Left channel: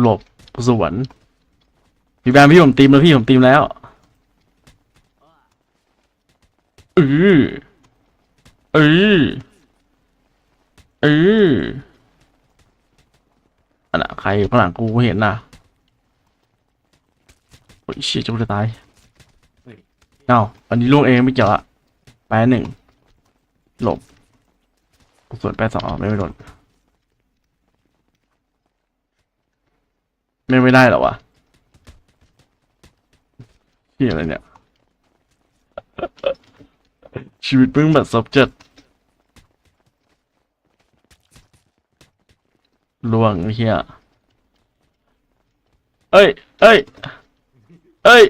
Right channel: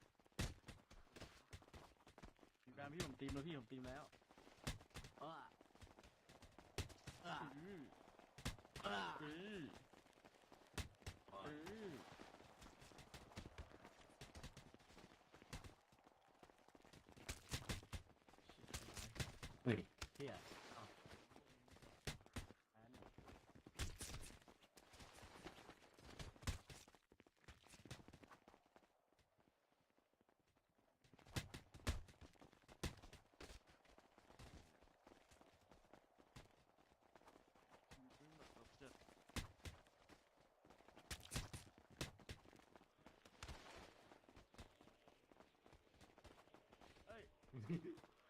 หลบสวนพี่แบมพี่ผมตีมแล้วพี่ผมตีมแล้วเออเออเอออันน่ะใครอยู่ข้างหลังกูเห็นนะโอ้ยเชี่ยจะกูจะตายเอ้าอันนี้ล่วงเองไม่เกี่ยวอะแปดหนึ่งหลบส่วนแปดสองไม่ไม่โดน ไม่ไม่ได้หรอวะที่อะไรเนี่ย ชีวิตเพิ่งแบบ subject ล่วงไอ้เฮียเอ้ย เอ้ย เอ้ย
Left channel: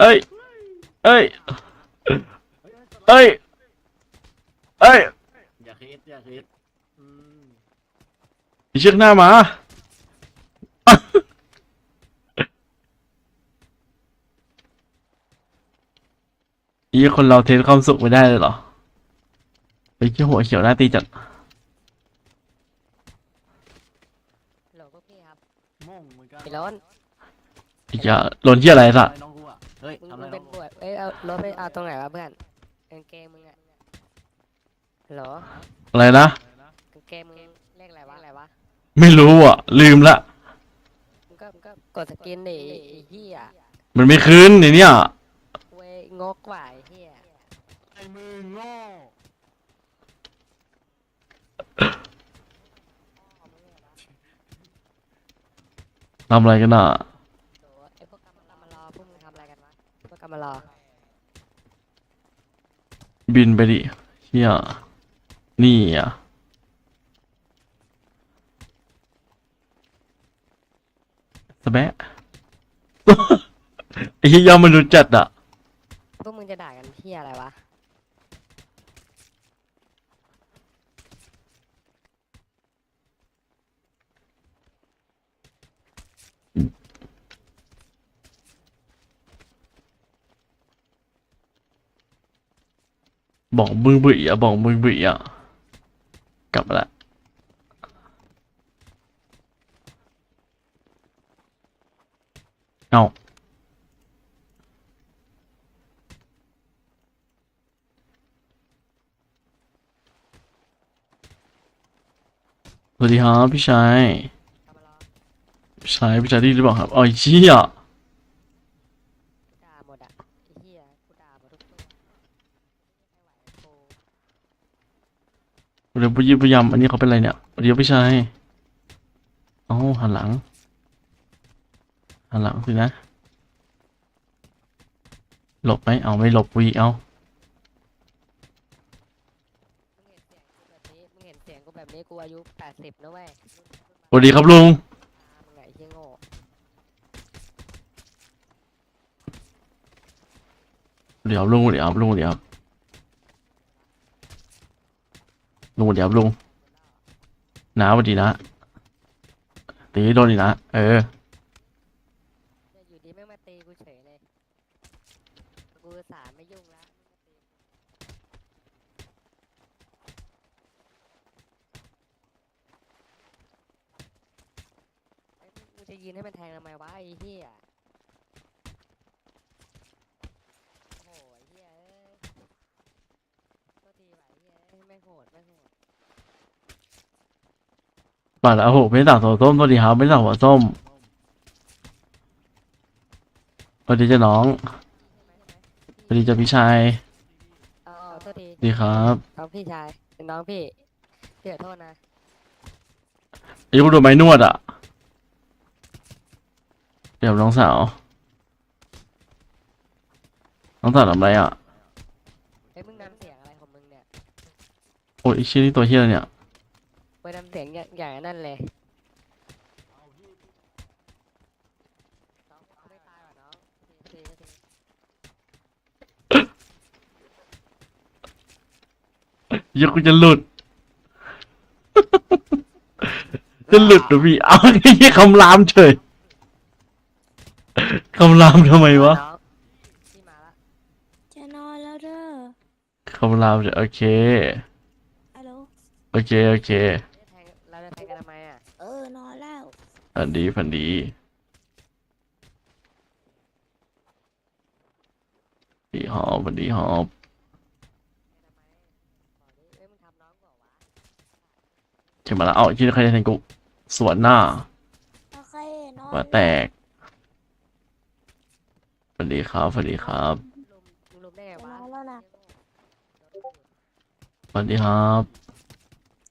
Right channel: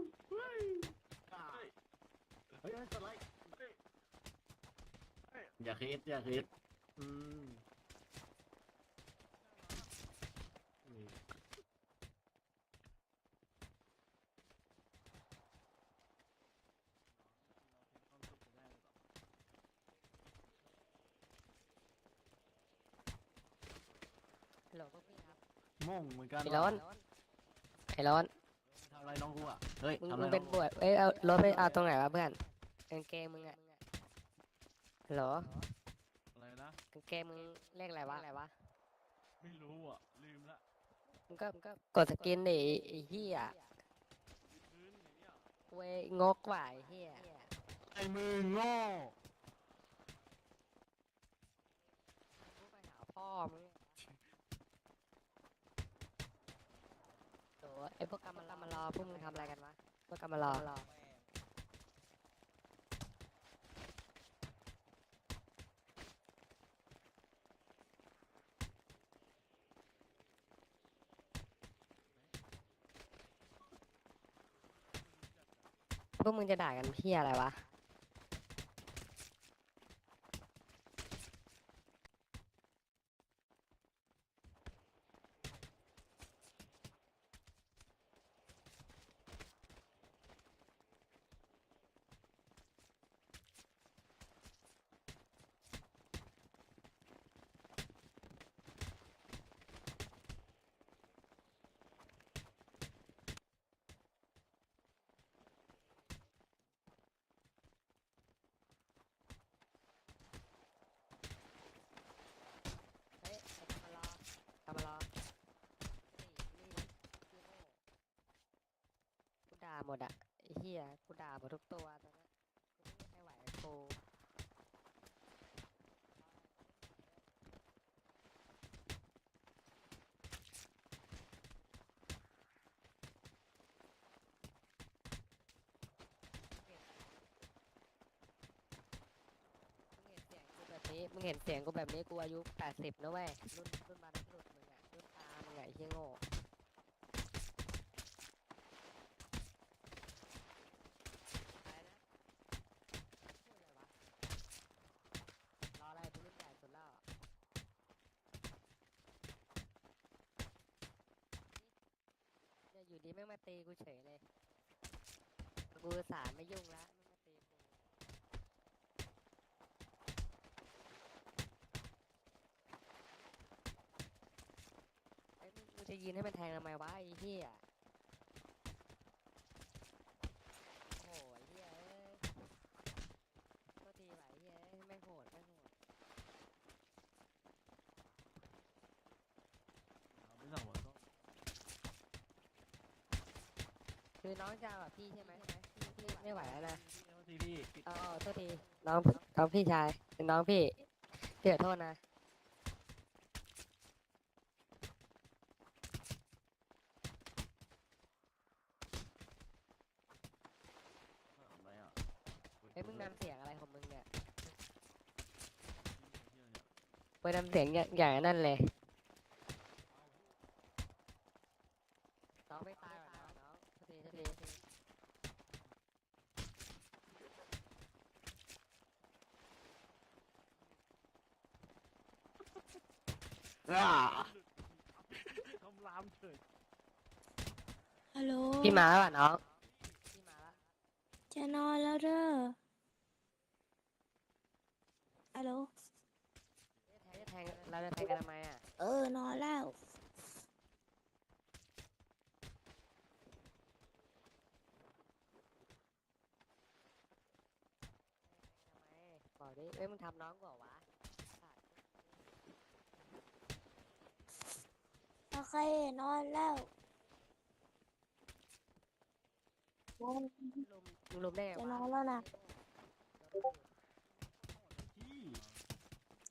เอ้ย เอ้ย เอ้ย เอ้ย อย่าคิดอย่าคิดอืมมีเชือกหน้ามา อีคนเราเทสความสุขไม่ได้เลยเหรอไปเขี้ยวหัวเขียวหน้าตีจัดฮัลโหลพวกพี่ครับงงเหมือนกันไอ้ร้อนไอ้เหี้ยหล่นที่อะไรสัทำอะไรน้องกูอะเฮ้ยมึงทำอะมึไรงเป็นน้องบกูวชเอ้ยเอารถไปเอาตรงไหนวะเพื่อนกางเกงมึงอะฮัลโหลอะไรนะกางเกงมึงเลขอะไรวะอะไรวะไม่รู้อะ ลืมละมึง ก็มึงก็กดสกินดิไอ้เหี้ยมันไม่คืนไอ้เนี่ยเว้ยงกว่ะไอ้เหี้ยไอ้มือโง่พ่อมึงเนี่ยนะทำอะไรกันอะโหไอ้พวกกำมารอมารอพวกมึงทำอะไรกันวะพวกกำมารอบินไปดิเฮียนี่อะ สแบะ ไอ้เหี้ยยอมมนุษย์จัดอะ พวกมึงจะด่ากันเหี้ยอะไรวะ บอกมึงบุ๋ยอะบอกมึงบุ๋ยอะ กลับมาละ เอาสวัสดีครับพี่ชายกำมารอพี่ชายพี่ชายได้ยินหรือเปล่าครับอ๋อไอ้เชี่ยกูด่าหมดอะไอ้เหี้ยกูด่าหมดทุกตัวไม่ไหวกับกูเดี๋ยวพยพยายามอันนี้เขาเป็นอะไรเนี่ยเดี๋ยวพี่ชายเอ้าหันหลัง หันหลังสินะ หลบไหมเอาไม่หลบวีเอามึงเห็นเสียงกูแบบนี้มึงเห็นเสียงกูแบบนี้กูอายุแปดสิบนะเว้ยรุ่นรุ่นสวัสดีครับลุงตามึงไงไอ้เหี้ยโง่เดี๋ยวลุงเดี๋ยวลุงเดี๋ยวลุงเดี๋ยวลุงน้าสวัสดีนะตีโดนดีนะเออ เนี่ยอยู่ดีแม่งมาตีกูเฉยเลย กูสารไม่ยุ่งละแม่งมาตีกูเอ้ยมึงมึงจะยืนให้มันแทงทำไมวะไอ้เหี้ยโอ้โหไอ้เหี้ยเอ้ยโทษทีว่ะไอ้เหี้ยเอ้ยแม่งโหดแม่งโหดป่าแล้วโอ้โหไม่ได้สั่งหัวส้มสวัสดีครับไม่ได้สั่งหัวส้มสวัสดีจ้าน้อง สวัสดีจ้าพี่ชายเอ๋อาโทษทีสวัสดีครับน้องพี่ชายน้องพี่พี่ขอโทษนะไอ้พวกโดนไม้นวดอะ เดี๋ยวน้องสาว น้องสาวทำอะไรอะเฮ้ยมึงนำเสียงอะไรของมึงเนี่ย โอ้ยไอ้เชี่ยนี่ตัวเฮียอะไรเนี่ยไปนำเสียงอย่างอย่างนั้นเลยน้องไม่ตายว่ะน้องโทษทีโทษทีโทษที เหี้ยังกูจะหลุด จะหลุดเหรือพี่เอาไอ้เหี้ยคำรามเฉยคำรามทำไมวะน้องพี่มาละจะนอนแล้วเด้อคำรามเฉยโอเค ฮัลโหลโอเค โอเคเราจะแทงเราจะแทงกันทำไมอะเออนอนแล้ว ฝันดีฝันดีดีหอบฝันดีหอบบอกดิ เอ้ยมึงทำน้องกูเหรอวะเข็มมาแล้วเอาที่ใครจะแทงกูสวนหน้าโอเคนอนหัวแตกฝันดีครับฝันดีครับลุมมึงลุมได้ไงจะวะนอนแล้วนะฝันดีครับ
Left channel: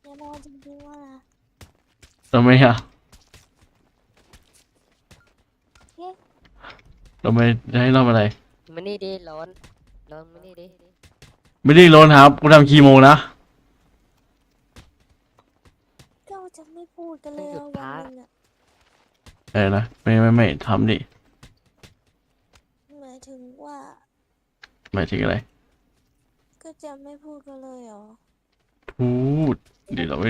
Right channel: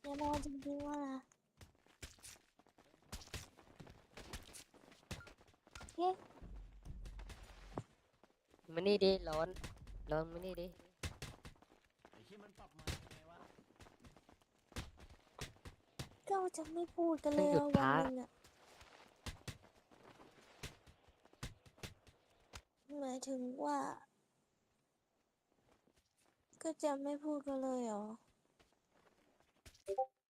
จะนอนจริงๆว่านะทำไมอะเอ๊ะทำไมจะให้เราอะไรมันนี่ดิร้อนร้อนมันนี่ดิไม่ได้ร้อนครับกูทำคีโมนะ ก็ จะไม่พูดกันเลยอะวันหนึงอะเออนะไม่ไม่ไม่ทำดิหมายถึงว่าหมายถึงอะไร ก็จะไม่พูดกันเลยเหรอ พูดเดี๋ยวเราไม่